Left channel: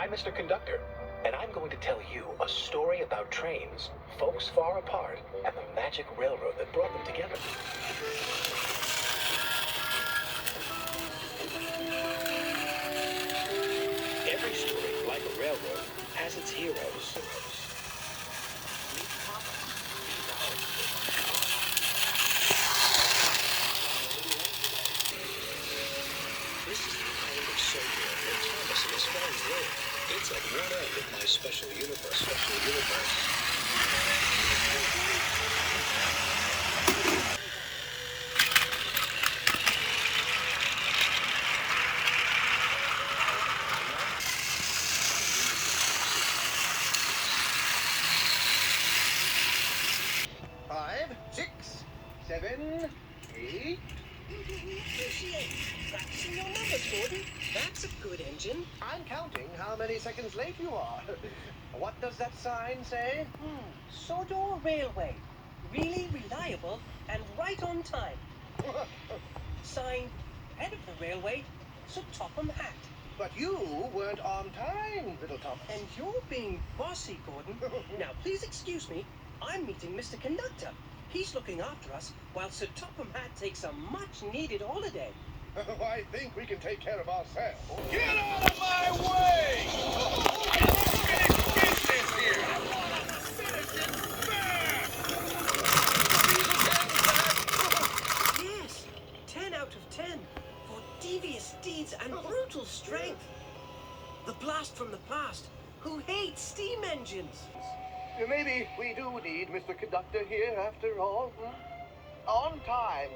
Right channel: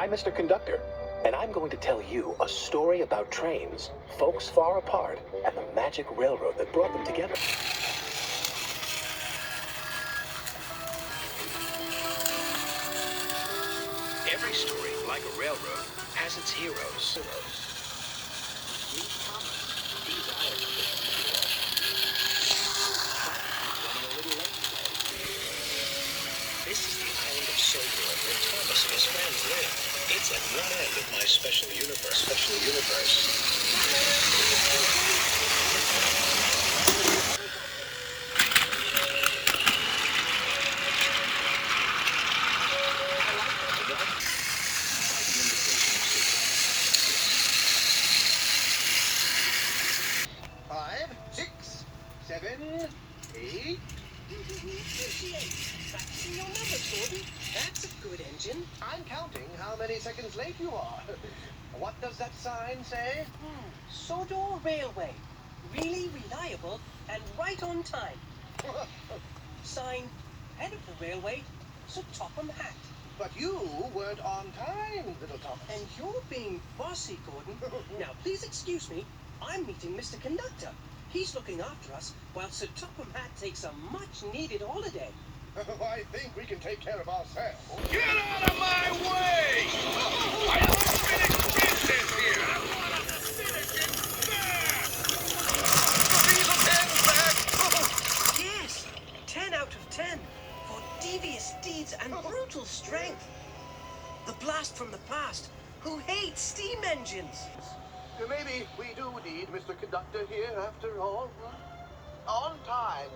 I'm Mr. Conductor, and I'm going to tell you a story about trains, folks far apart, and the magic railroad that brought them together. Every story, like a railroad, has its heroes. This is the island of Soldier where Thomas and his friends live. It's at one end of my special universe. Five, 6, 7, 8. Practicing your numbers, Gordon. That's a good engine. I'm counting how many seconds late you are. What does that sign say? Sodor Railway. Really reliable and right on time. Sign, head of the railway, Sir Topham Hatt. But you weren't on time, little Thomas. And you're being bossy, Gordon. Now, please excuse me. I'm meeting Mr. Conductor. He's looking after us while Sir Topham Hatt takes a much-needed holiday. I think we can take care of ourselves. Get out of my way! I'm unfinished business here! Yes, 10 out of 10 for devious deeds and brutal strength. The blast from the past, who hates steam engines. Maybe we do need Mr. Conductor here after all. On time.